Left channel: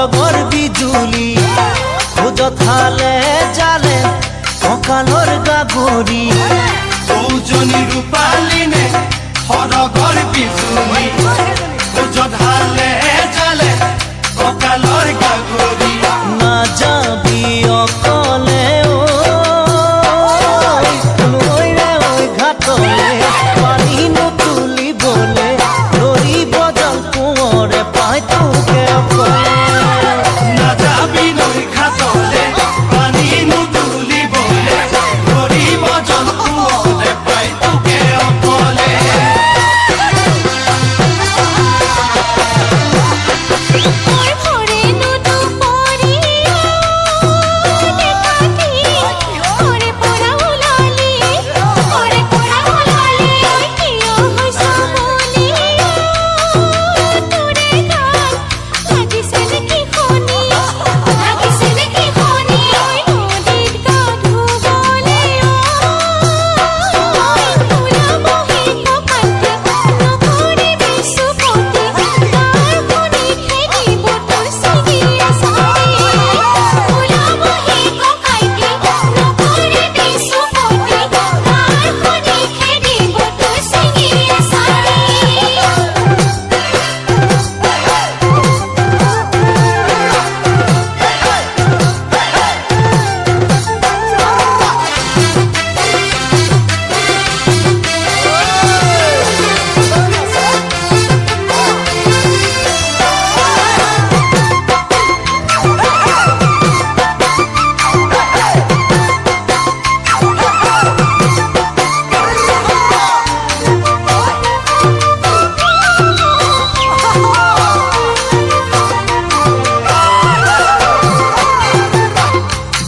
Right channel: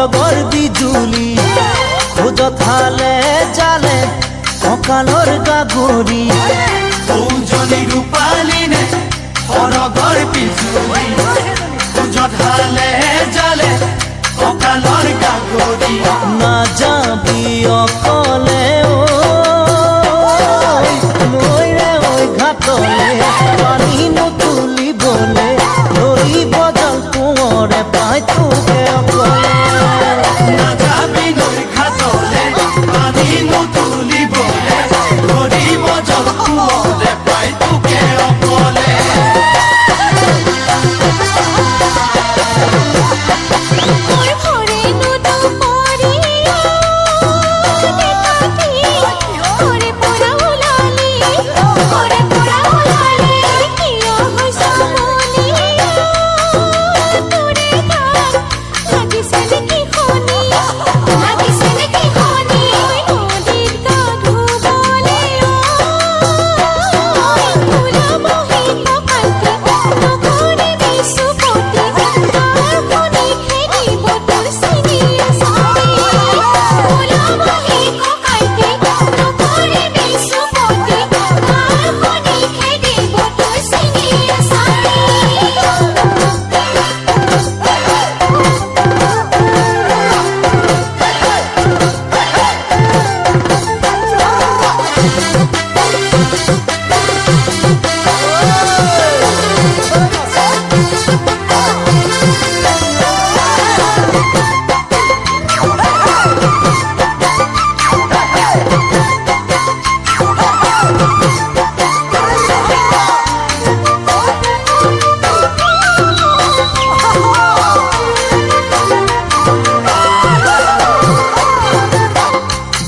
সৰগৰ বিজুলি খোজত হালে জালে কঁকালৰ গাগৰি সৌজনী ৰূপালী নে সৰগৰ বিজুলি খোজত হালে জালে কঁকালৰ গাগৰি নাযাবি অকলে নৈৰে ঐ ঘাটলে পানী নুতুলিবলে ধৰিব জল কোঁৱৰে পাই তোকে অকলে নাযাবি নৈ ঘাটলে পানী নুতুলিবলে ধৰিব জল কোঁৱৰে পাই তোকে অকলে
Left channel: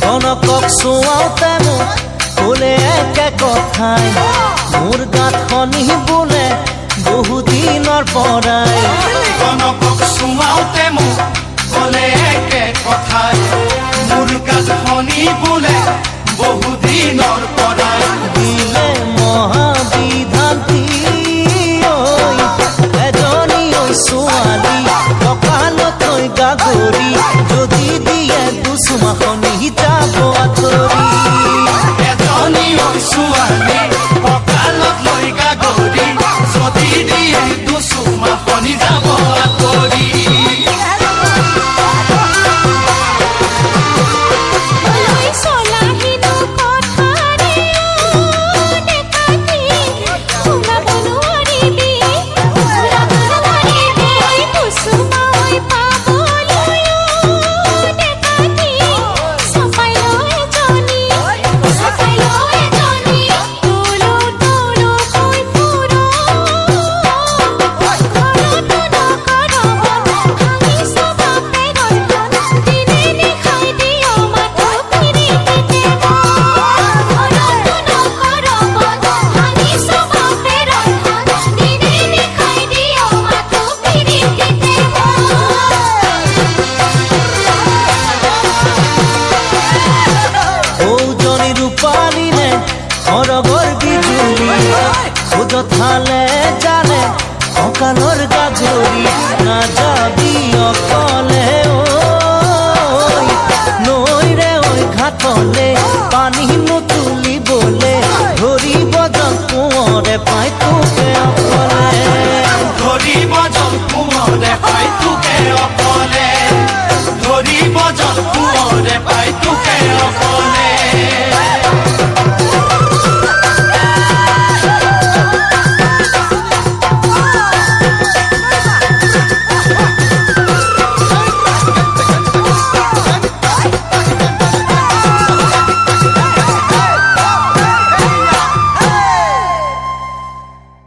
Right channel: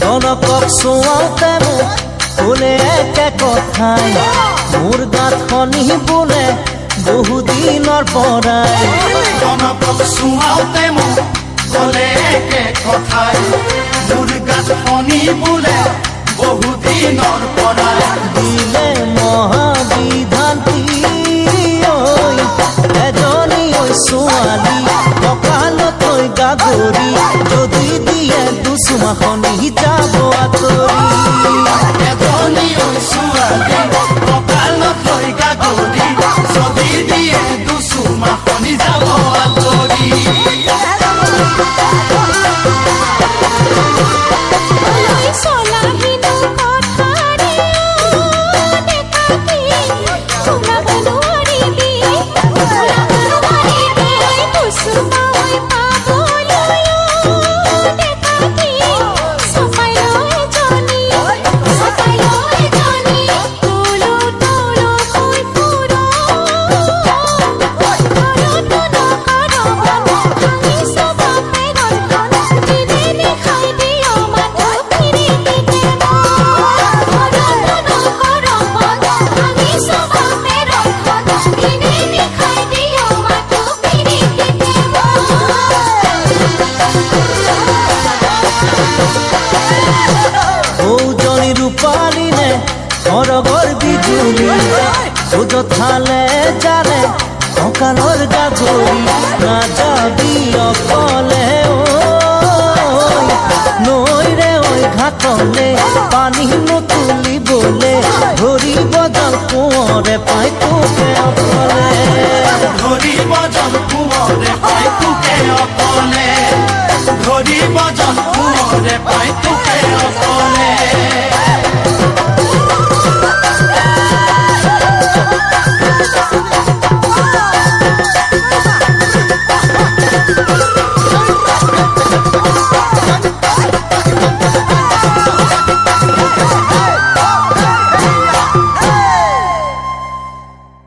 কনকক চুৱাওঁতে মোক ক'লে একে কথাই মোৰ গাত খনি বোলে বহুদিনৰ পৰাই কনকক চুৱাওঁতে মোক ক'লে একে কথাই মোৰ গাত খনি বোলে বহুদিনৰ পৰাই দিলে মহাবিধান্তি ঐ এজনী ঐ ছোৱালী কঁকালত ঐ গাগৰি যদি দিয়ে দুচুমাখনি যাব আঁতৰি এজনী ছোৱালী কঁকালত লৈ গাগৰি যদি দিয়ে দুচুমাখনি যাব আঁতৰি ৰূপালী নে সৰগৰ বিজুলি খোজত হালে জালে কঁকালৰ গাগৰি নাযাবি অকলে নৈৰে ঐ ঘাটলে পানী নুতুলিবলে ধৰিব জল কোঁৱৰে পাই তোকে অকলে ধৰিব জল কোঁৱৰে পাই তোকে অকলে ধৰিব জল কোঁৱৰে পাই তোকে